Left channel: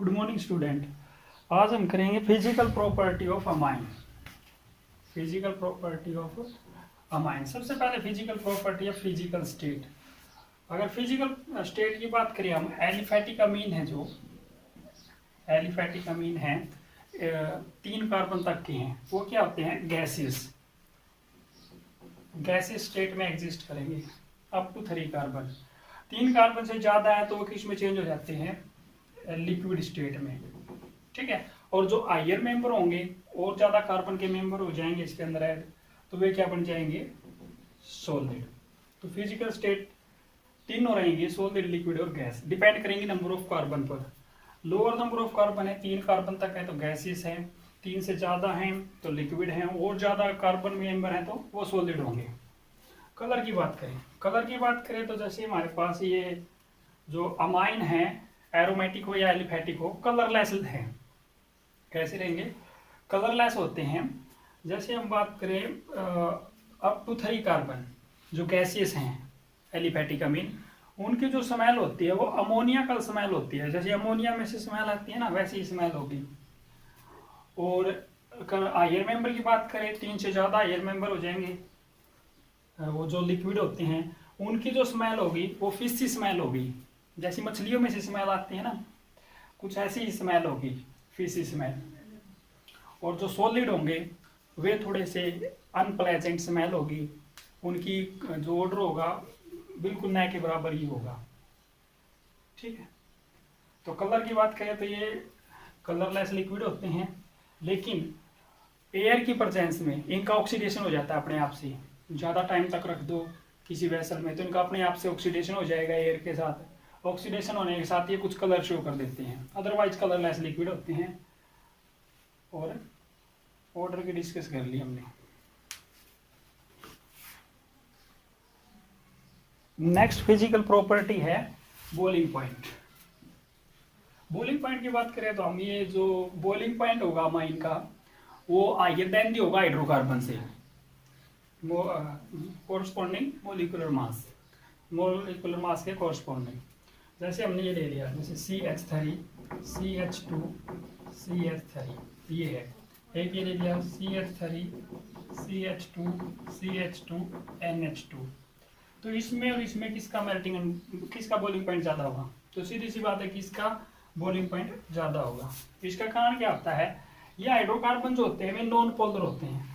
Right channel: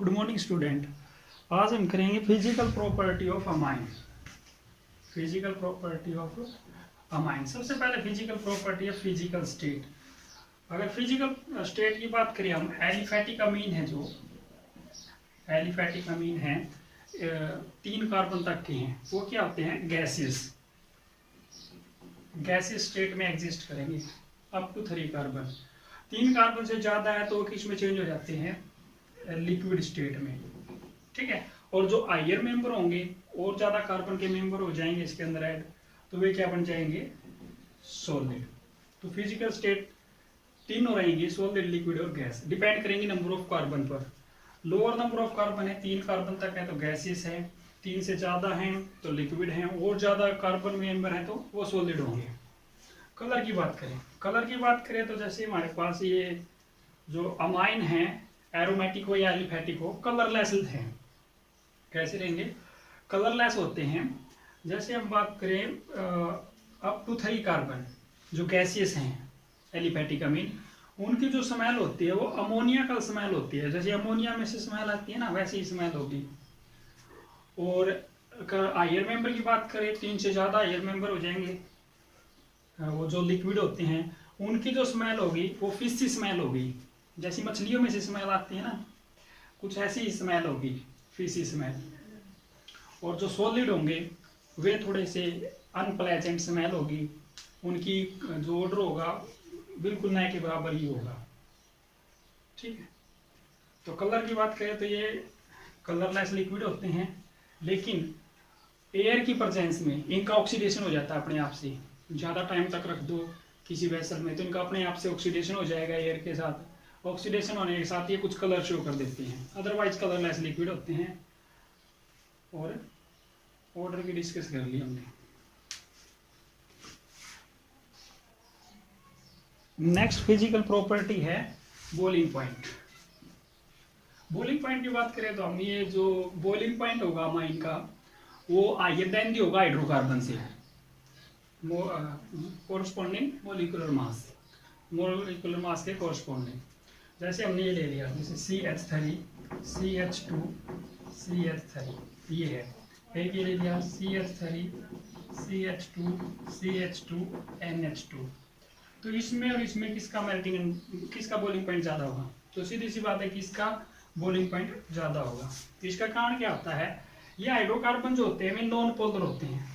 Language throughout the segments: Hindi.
Good morning student. आज हम करेंगे physical property of amine. Physical property of amine. सबसे पहले physical property of physical state. अगर फिजिकल स्टेट की बात करें हम, एलिफैटिक अमीन है, जो एलिफैटिक अमीन है 3 कार्बन तक के हैं, वो क्या होते हैं? गैसेस। गैसेस स्टेट में एग्जिस्ट करेंगे अप टू 3 कार्बन। 3 कार्बन से ज्यादा है तो वो किस में चेंज हो जाते हैं? लिक्विड स्टेट में। ठीक है। और जो हायर मेंबर होंगे और ज्यादा कार्बन के मेंबर हो जाएंगे इसके अंदर ऐड, तो वे क्या बन जाएंगे? सॉलिड। तो फिजिकल स्टेट तीनों रहेंगे, सॉलिड, लिक्विड और गैस। डिपेंड करेंगे नंबर ऑफ कार्बन पर। लोअर नंबर ऑफ कार्बन है, 3 कार्बन तक है तो गैसेस है, 3 से ज्यादा हैं तो लिक्विड हैं, और ज्यादा कार्बन मेंबर है तो वो सॉलिड होंगे। कलर की बात करें, तो जैसे हमारे पास ये जो अमाइन है, एरोमेटिक हो या एलिफैटिक हो, कलरलेस हैं। कैसे रहेंगे? कलरलेस होते हैं। जैसे हम बात करें अप टू 3 कार्बन जो गैसियस हैं एलिफैटिक अमीन, उनकी जो स्मेल होती है वो अमोनिया का स्मेल होती है। जैसे अमोनिया में से स्मेल आती है ना, वैसे ही स्मेल होगी। और हायर मेंबर की बात करें, 3 से ज्यादा हायर मेंबर हो जाएंगे, वो जो लिक्विड होते हैं उनकी जो स्मेल होगी वो फिशी स्मेल होगी। जैसी मछलियों में से स्मेल आती है ना, कुछ ऐसी ही स्मेल होगी, फिशी स्मेल। और जो सॉलिड होंगे वे थोड़े से अनप्लेजेंट स्मेल होगी, उनकी जो ऑर्डर होगा बिल्कुल नए के बराबर ही होगा। ठीक है। तो कलर की बात करें तो ये कलरलेस लिक्विड होते हैं, लेकिन एयर की प्रेजेंस में इनका ऑक्सीडेशन हो जाता है अपने आप से। ज़्यादा टाइम तक रख दो किसी वेसल में तो इनका अपने आप से ऑक्सीडेशन हो जाएगा एयर के साथ। ऑक्सीडेशन होने के साथ ये कुछ कलर शो कर देते हैं, अदरवाइज कलरलेस लिक्विड होते हैं। और ऑर्डर की डिस्कस कर ली हमने। नेक्स्ट फिजिकल प्रॉपर्टी है बॉइलिंग पॉइंट। बॉइलिंग पॉइंट की बात करें तो हम, ये जो बॉइलिंग पॉइंट होगा अमाइन का, वो हायर देन होगा हाइड्रोकार्बन से, कोरस्पॉन्डिंग मोलिकुलर मास के कोरस्पॉन्डिंग। जैसे हमने ये ले लिया, जैसे CH3 CH2 CH3 ये है, एक ये ले लिया CH3 CH2 CH2 NH2। तो इसमें और इसमें किसका किसका बॉइलिंग पॉइंट ज्यादा होगा? तो सीधी सी बात है कि इसका बॉइलिंग पॉइंट ज्यादा होगा। इसका कारण क्या होता है? ये हाइड्रोकार्बन जो होते हैं वे नॉन पोलर होते हैं।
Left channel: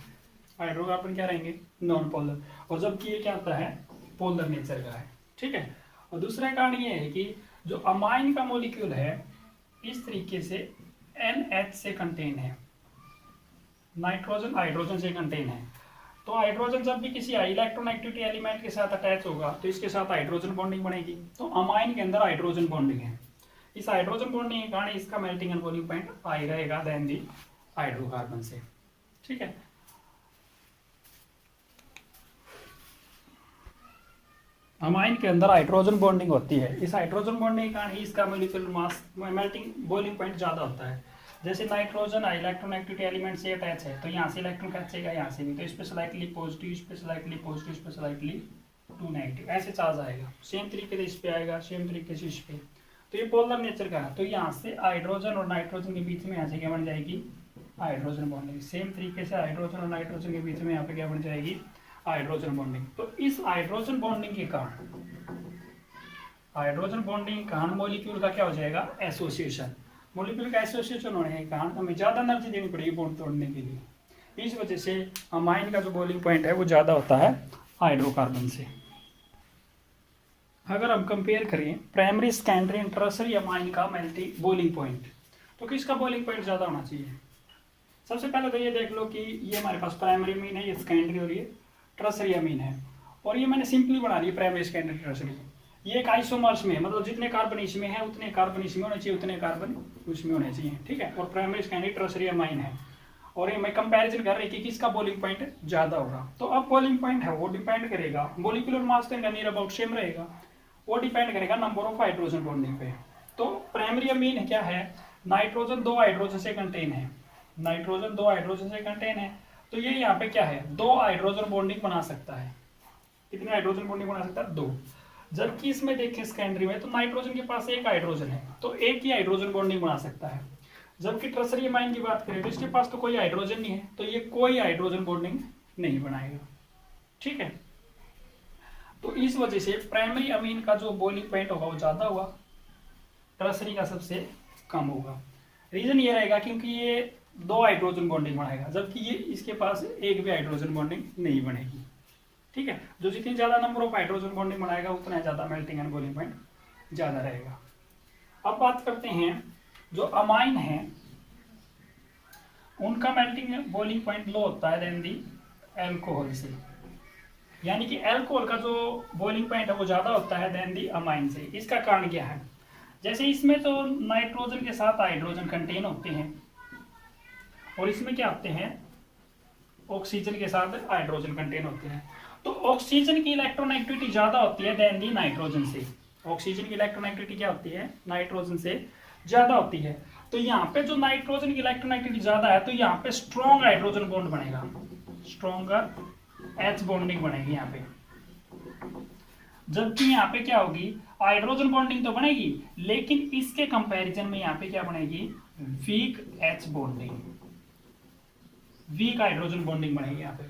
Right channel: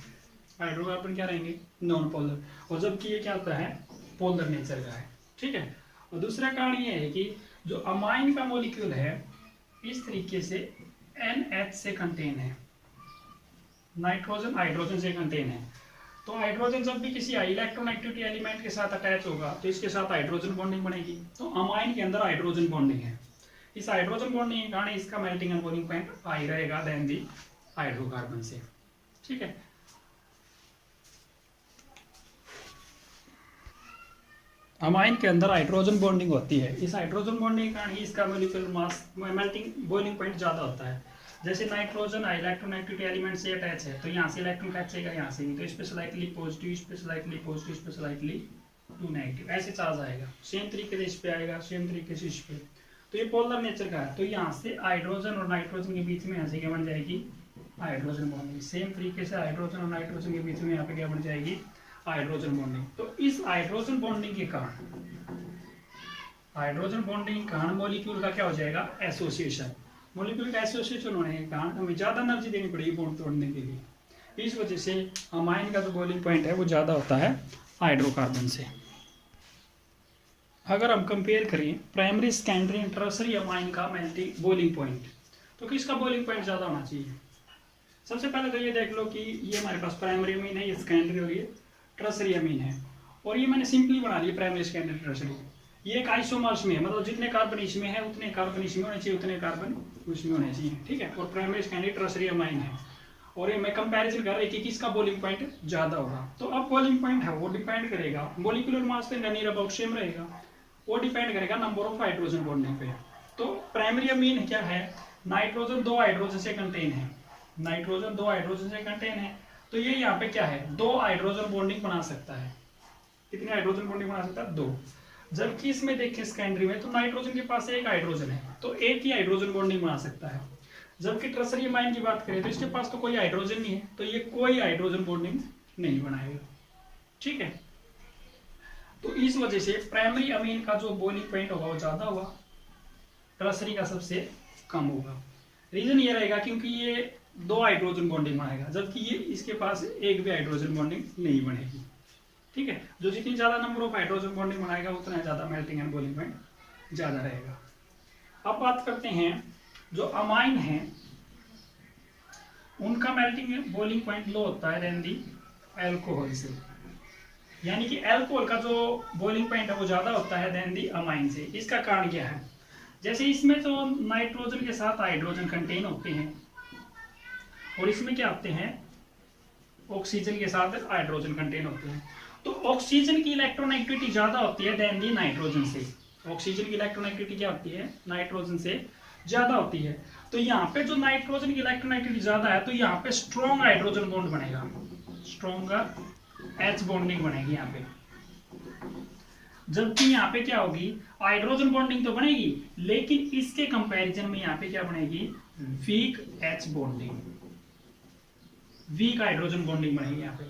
हाइड्रोकार्बन क्या रहेंगे? Non polar. और जबकि ये क्या होता है? पोलर नेचर का है। ठीक है। और दूसरा कारण ये है कि जो अमाइन का मॉलिक्यूल है इस तरीके से NH से कंटेन है, नाइट्रोजन हाइड्रोजन से कंटेन है। तो हाइड्रोजन जब भी किसी हाई इलेक्ट्रोनेगेटिविटी एलिमेंट के साथ अटैच होगा तो इसके साथ हाइड्रोजन बॉन्डिंग बनेगी। तो अमाइन के अंदर हाइड्रोजन बॉन्डिंग है। इस हाइड्रोजन बॉन्डिंग के कारण इसका melting and boiling point high रहेगा देन दी हाइड्रोकार्बन से। ठीक है। अमाइन के अंदर हाइड्रोजन बॉन्डिंग होती है। इस हाइड्रोजन बॉन्डिंग के कारण ही इसका molecular mass melting boiling point ज्यादा होता है। जैसे नाइट्रोजन इलेक्ट्रोनेगेटिविटी एलिमेंट से अटैच है तो यहाँ से इलेक्ट्रॉन खींचेगा, यहाँ से भी, तो इस पे स्लाइटली पॉजिटिव, इस पे स्लाइटली पॉजिटिव, इस पे स्लाइटली टू नेगेटिव, ऐसे चार्ज आएगा। सेम तरीके से इस पे आएगा, सेम तरीके से इस पे। तो ये पोलर नेचर का है। तो यहाँ से हाइड्रोजन और नाइट्रोजन के बीच में यहाँ से क्या बन जाएगी? Hydrogen bonding. सेम तरीके से हाइड्रोजन और नाइट्रोजन के बीच में यहाँ पे क्या बन जाएगी? Hydrogen bonding. तो इस हाइड्रोजन बॉन्डिंग के कारण मॉलिक्यूल का क्या हो जाएगा? एसोसिएशन। मॉलिक्यूल का एसोसिएशन होने के कारण हमें ज्यादा एनर्जी देनी पड़ेगी बॉन्ड तोड़ने के लिए। इस वजह से अमाइन का जो बॉइलिंग पॉइंट है वो ज्यादा होता है हाइड्रोकार्बन से। अगर हम कंपेयर करें primary, secondary and tertiary amine का मेल्टिंग बॉइलिंग पॉइंट, तो किसका बॉइलिंग पॉइंट ज्यादा होना चाहिए? सबसे पहले तो ये देख लो कि ये हमारे पास प्राइमरी अमीन है, ये सेकेंडरी और ये टर्शियरी अमीन है। और ये मैंने सिंपली बना लिया प्राइमरी, सेकेंडरी, टर्शियरी। ये एक आइसोमर्स में है, मतलब जितने कार्बन इसमें है उतने कार्बन इसमें होने चाहिए, उतने कार्बन उसमें होने चाहिए। ठीक है। और प्राइमरी, सेकेंडरी, टर्शियरी अमाइन है। और ये मैं कंपैरिजन कर रहा हूं कि किसका बॉइलिंग पॉइंट ज्यादा होगा। तो अब बॉइलिंग पॉइंट है वो डिपेंड करेगा, मॉलिक्यूलर मास तो नियर अबाउट सेम रहेगा, वो डिपेंड करेगा नंबर ऑफ हाइड्रोजन बॉन्डिंग पे। तो प्राइमरी अमीन क्या है? नाइट्रोजन 2 हाइड्रोजन से कंटेन है, नाइट्रोजन 2 हाइड्रोजन से कंटेन है। तो ये यहाँ पे क्या है? 2 हाइड्रोजन बॉन्डिंग बना सकता है। कितने हाइड्रोजन बॉन्डिंग बना सकता है? 2। जबकि इसमें देखें सेकेंडरी में तो नाइट्रोजन के पास एक हाइड्रोजन है, तो एक ही हाइड्रोजन बॉन्डिंग बना सकता है। जबकि टर्सरी अमाइन की बात करें तो इसके पास तो कोई हाइड्रोजन नहीं है, तो ये कोई हाइड्रोजन बॉन्डिंग नहीं बनाएगा। ठीक है, तो इस वजह से प्राइमरी अमीन का जो बॉइलिंग पॉइंट होगा वो ज्यादा होगा, टर्सरी का सबसे कम होगा। रीजन ये रहेगा क्योंकि ये 2 हाइड्रोजन बॉन्डिंग बनाएगा, जबकि ये इसके पास एक भी हाइड्रोजन बॉन्डिंग नहीं बनेगी। ठीक है, जो जितनी ज्यादा नंबर ऑफ हाइड्रोजन बॉन्डिंग बनाएगा उतना ज्यादा मेल्टिंग एंड बॉइलिंग पॉइंट ज्यादा रहेगा। अब बात करते हैं जो अमाइन है उनका मेल्टिंग बॉइलिंग पॉइंट लो होता है देन दी एल्कोहल से, यानी कि एल्कोहल का जो बॉइलिंग पॉइंट है वो ज्यादा होता है देन दी अमाइन से। इसका कारण क्या है? जैसे इसमें तो नाइट्रोजन के साथ हाइड्रोजन कंटेन होते हैं और इसमें क्या होते हैं, ऑक्सीजन के साथ हाइड्रोजन कंटेन होते हैं। तो ऑक्सीजन की इलेक्ट्रोनेगेटिविटी ज्यादा होती है देन दी नाइट्रोजन से। ऑक्सीजन की इलेक्ट्रोनेगेटिविटी क्या होती है? नाइट्रोजन से ज्यादा होती है। तो यहाँ पे जो नाइट्रोजन की इलेक्ट्रोनेगेटिविटी ज्यादा है तो यहाँ पे स्ट्रॉन्ग हाइड्रोजन बॉन्ड बनेगा, स्ट्रॉन्गर एच बॉन्डिंग बनेगी यहाँ पे। जबकि यहाँ पे क्या होगी, हाइड्रोजन बॉन्डिंग तो बनेगी लेकिन इसके कंपैरिजन में यहाँ पे क्या बनेगी, weak H bonding, weak hydrogen bonding बनेगी यहाँ पे।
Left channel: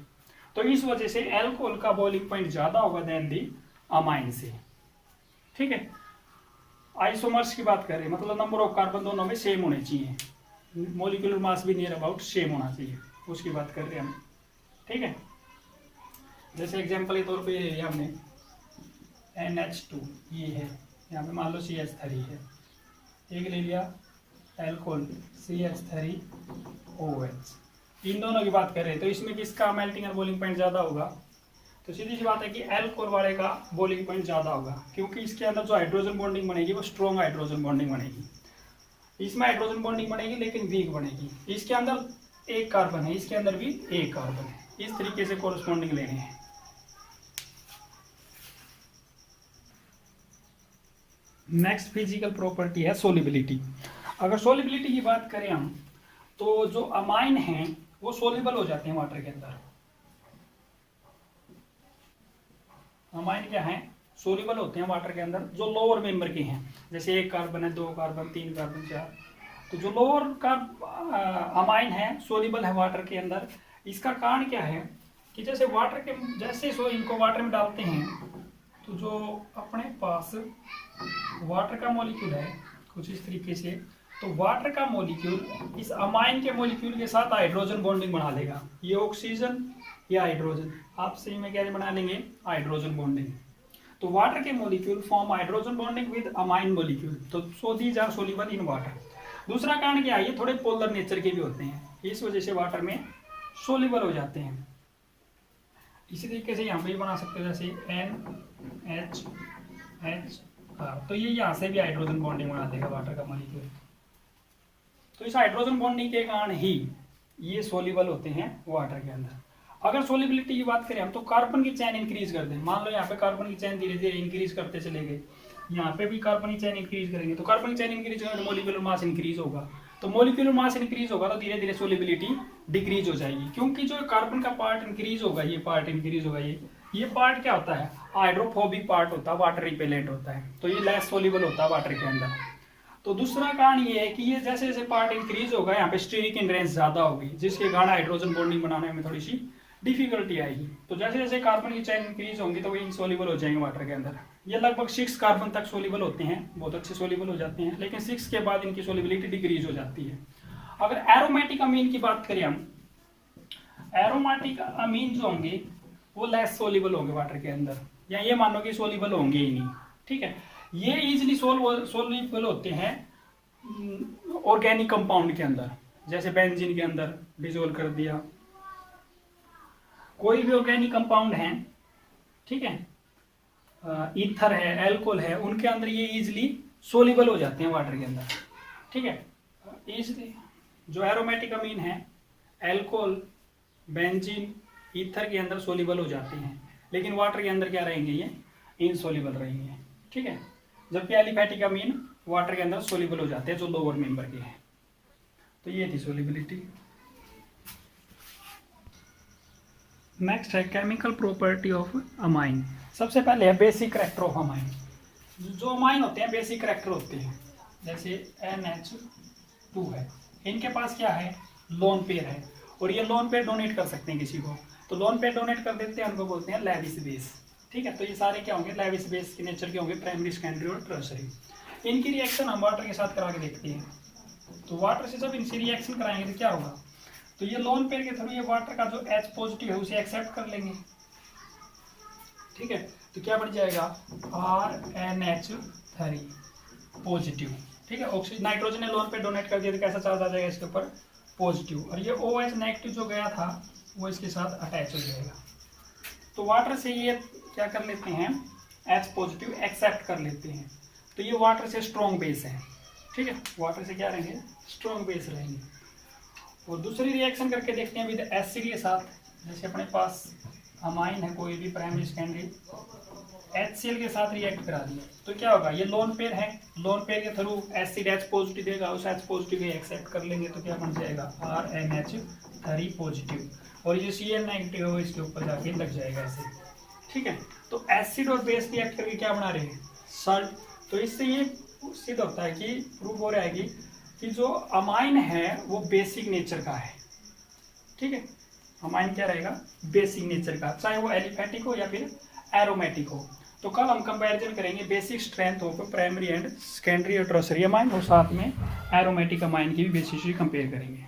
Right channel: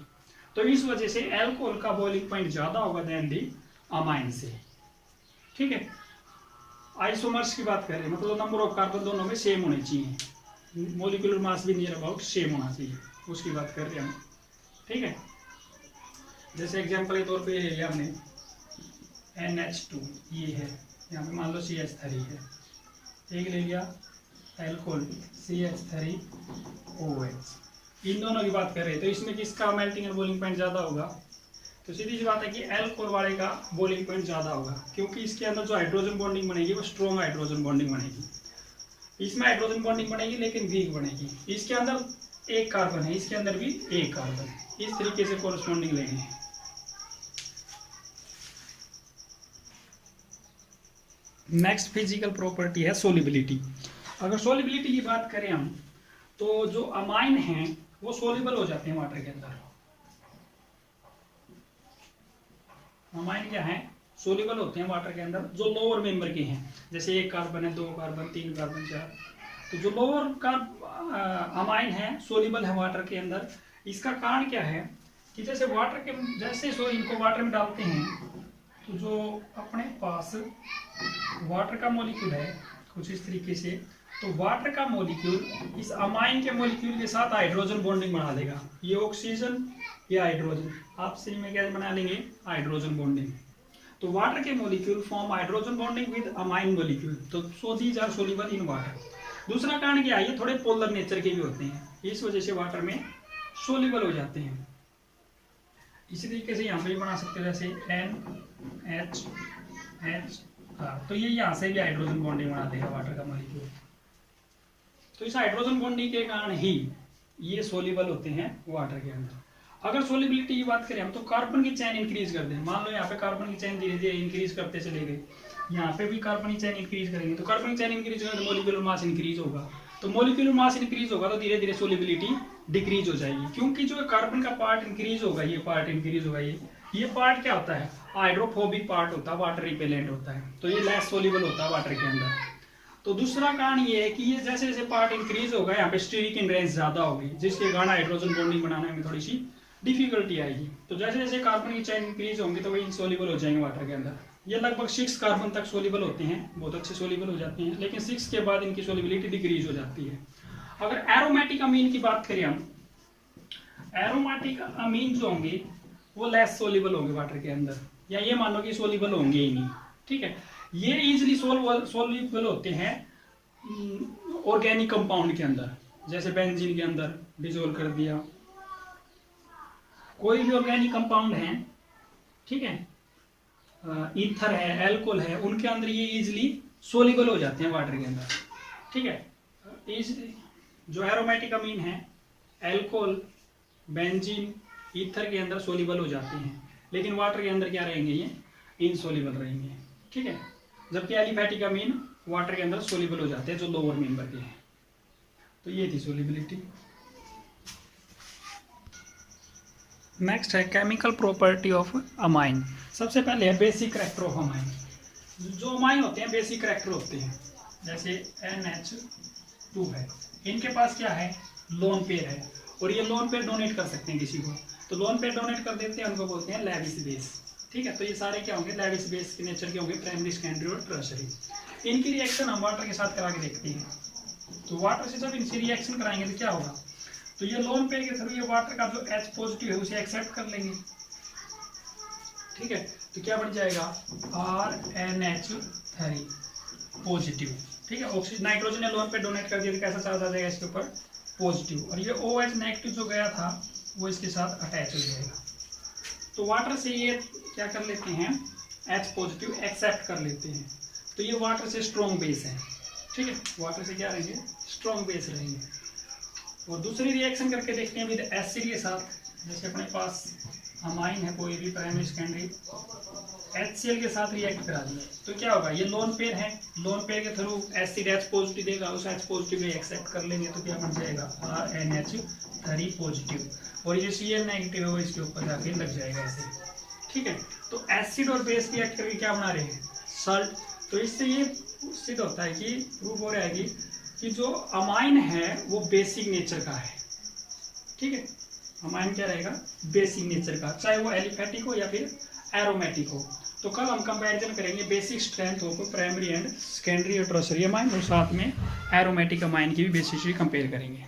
तो इस वजह से एल्कोहल का बॉइलिंग पॉइंट ज्यादा होगा देन दी अमाइन से। ठीक है, आइसोमर्स की बात करें मतलब नंबर ऑफ कार्बन दोनों में सेम होने चाहिए, मोलिकुलर मास भी नियर अबाउट सेम होना चाहिए, उसकी बात कर रहे हैं हम। ठीक है, जैसे एग्जांपल के तौर पे ये हमने NH2 ये है, यहाँ पे मान लो CH3 है, एक ले लिया एल्कोहल CH3OH, इन दोनों की बात कर रहे हैं तो इसमें किसका मेल्टिंग एंड बॉइलिंग पॉइंट ज्यादा होगा? तो सीधी सी बात है कि एल्कोहल वाले का बॉइलिंग पॉइंट ज्यादा होगा क्योंकि इसके अंदर जो हाइड्रोजन बॉन्डिंग बनेगी वो स्ट्रॉन्ग हाइड्रोजन बॉन्डिंग बनेगी। इसमें हाइड्रोजन बॉन्डिंग बनेगी लेकिन वीक बनेगी। इसके अंदर एक कार्बन है, इसके अंदर भी एक कार्बन है, इस तरीके से कोरस्पॉन्डिंग लेने हैं। नेक्स्ट फिजिकल प्रॉपर्टी है सोलिबिलिटी। अगर सोलिबिलिटी की बात करें हम तो जो अमाइन हैं वो सोल्यूबल हो जाते हैं वाटर के अंदर। अमाइन क्या है, सोल्यूबल होते हैं वाटर के अंदर जो लोअर मेंबर के हैं, जैसे एक कार्बन है, 2 कार्बन, 3 कार्बन, 4। तो जो लोअर का अमाइन है सोल्यूबल है वाटर के अंदर। इसका कारण क्या है कि जैसे वाटर के जैसे इनको वाटर में डालते हैं तो जो अपने पास वाटर का मॉलिक्यूल है कुछ इस तरीके से, तो वाटर का मॉलिक्यूल इस अमाइन के मॉलिक्यूल के साथ हाइड्रोजन बॉन्डिंग बना देगा। ये ऑक्सीजन या हाइड्रोजन आपस में क्या बना लेंगे, हाइड्रोजन बॉन्डिंग। तो वाटर के molecule form hydrogen bonding with amine molecule, तो so these are soluble in water. दूसरा कारण क्या है, ये थोड़े पोलर नेचर के भी होते हैं, इस वजह से वाटर में सोल्यूबल हो जाते हैं। इसी तरीके से यहाँ पे भी बना सकते हैं जैसे NH तो ये यहाँ से भी हाइड्रोजन बॉन्डिंग बना देगा वाटर का मॉलिक्यूल। तो इस हाइड्रोजन बॉन्डिंग के कारण ही ये सोल्यूबल होते हैं वाटर के अंदर। अगर सोल्यूबिलिटी की बात करें हम तो कार्बन की चेन इंक्रीज कर दें, मान लो यहाँ पे कार्बन की चेन धीरे धीरे इंक्रीज करते चले गए, यहाँ पे भी कार्बन की चेन इंक्रीज करेंगे तो कार्बन की चेन इंक्रीज होगा तो मोलिकुलर मास इंक्रीज होगा, तो मोलिकुलर मास इंक्रीज होगा तो धीरे धीरे सोल्यूबिलिटी डिक्रीज हो जाएगी, क्योंकि जो कार्बन का पार्ट इंक्रीज होगा, ये पार्ट इंक्रीज होगा, ये पार्ट क्या होता है, हाइड्रोफोबिक पार्ट होता है, वाटर रिपेलेंट होता है, तो ये लेस सोल्यूबल होता है वाटर के अंदर। तो दूसरा कारण ये है कि ये जैसे जैसे पार्ट इंक्रीज होगा यहाँ पे स्टीरिक इनरेंस ज्यादा होगी, जिसके कारण हाइड्रोजन बॉन्डिंग बनाने में थोड़ी सी डिफिकल्टी आएगी। तो जैसे जैसे कार्बन की चेन इंक्रीज होंगी तो वो इनसोल्यूबल हो जाएंगे वाटर के अंदर। ये लगभग 6 कार्बन तक सोल्यूबल होते हैं, बहुत अच्छे सोल्यूबल हो जाते हैं, लेकिन 6 के बाद इनकी सोल्यूबिलिटी डिक्रीज हो जाती है। अगर एरोमेटिक अमीन की बात करें हम, एरोमेटिक अमीन जो होंगे वो लेस सोल्यूबल होंगे वाटर के अंदर, या ये मानो कि सोल्यूबल होंगे ही नहीं। ठीक है, ये इजिली सोल्यूबल होते हैं ऑर्गेनिक कंपाउंड के अंदर, जैसे बेंजीन के अंदर डिसोल्व कर दिया, कोई भी ऑर्गेनिक कंपाउंड है, ठीक है, ईथर है, एल्कोहल है, उनके अंदर ये इजिली सोल्यूबल हो जाते हैं वाटर के अंदर। ठीक है, जो एरोमेटिक अमीन है एल्कोहल, बेंजीन, ईथर के अंदर सोल्यूबल हो जाते हैं, लेकिन वाटर के अंदर क्या रहेंगे, ये इनसोल्यूबल रहेंगे। ठीक है, जबकि एलिफैटिक अमीन वाटर के अंदर सोल्यूबल हो जाते हैं जो लोअर मेंबर के हैं। तो ये थी सोल्यूबिलिटी। नेक्स्ट है केमिकल प्रॉपर्टी ऑफ अमाइन। सबसे पहले है बेसिक करैक्टर ऑफ अमाइन। जो अमाइन होते हैं बेसिक करैक्टर होते हैं, जैसे NH2 है, इनके पास क्या है, लोन पेयर है, और ये लोन पेयर डोनेट कर सकते हैं किसी को, तो लोन पेयर डोनेट कर देते हैं, उनको बोलते हैं लेविस बेस। ठीक है, तो ये सारे क्या होंगे, लेविस बेस के नेचर के होंगे, प्राइमरी, सेकेंडरी और टर्शरी। इनकी रिएक्शन हम वाटर के साथ करा के देखते हैं। तो वाटर से जब इनसे रिएक्शन कराएंगे तो क्या होगा, तो ये लोन पेयर के थ्रू ये वाटर का जो H पॉजिटिव है उसे एक्सेप्ट कर लेंगे। ठीक है, तो क्या बन जाएगा RNH3 पॉजिटिव। ठीक है, ऑक्सीजन नाइट्रोजन ने लोन पे डोनेट कर दिया तो कैसा चार्ज आ जाएगा इसके ऊपर, पॉजिटिव, और ये OH नेगेटिव जो गया था वो इसके साथ अटैच हो जाएगा। तो वाटर से ये क्या कर लेते हैं, H पॉजिटिव एक्सेप्ट कर लेते हैं, तो ये वाटर से स्ट्रॉन्ग बेस है। ठीक है, वाटर से क्या रहेंगे, स्ट्रॉन्ग बेस रहेंगे। और दूसरी रिएक्शन करके देखते हैं विद एसिड के साथ, जैसे अपने पास अमाइन है कोई भी प्राइमरी सेकेंडरी, HCl के साथ रिएक्ट करा दिए तो क्या होगा, ये लोन पेयर है, लोन पेयर के थ्रू एसिड H पॉजिटिव देगा, उस H पॉजिटिव को एक्सेप्ट कर लेंगे तो क्या बन जाएगा RNH3 पॉजिटिव, और ये Cl नेगेटिव है वो इसके ऊपर जाके लग जाएगा ऐसे। ठीक है, तो एसिड और बेस रिएक्ट करके क्या बना रहे हैं, सॉल्ट। तो इससे ये सिद्ध होता है कि प्रूफ हो रहा है कि जो अमाइन है वो बेसिक नेचर का है। ठीक है, अमाइन क्या रहेगा, बेसिक नेचर का, चाहे वो एलिफेटिक हो या फिर एरोमेटिक हो। तो कल हम कंपैरिजन करेंगे basic strength of primary and secondary और टर्शरी अमाइन, और साथ में एरोमेटिक अमाइन की भी बेसिकली कंपेयर करेंगे।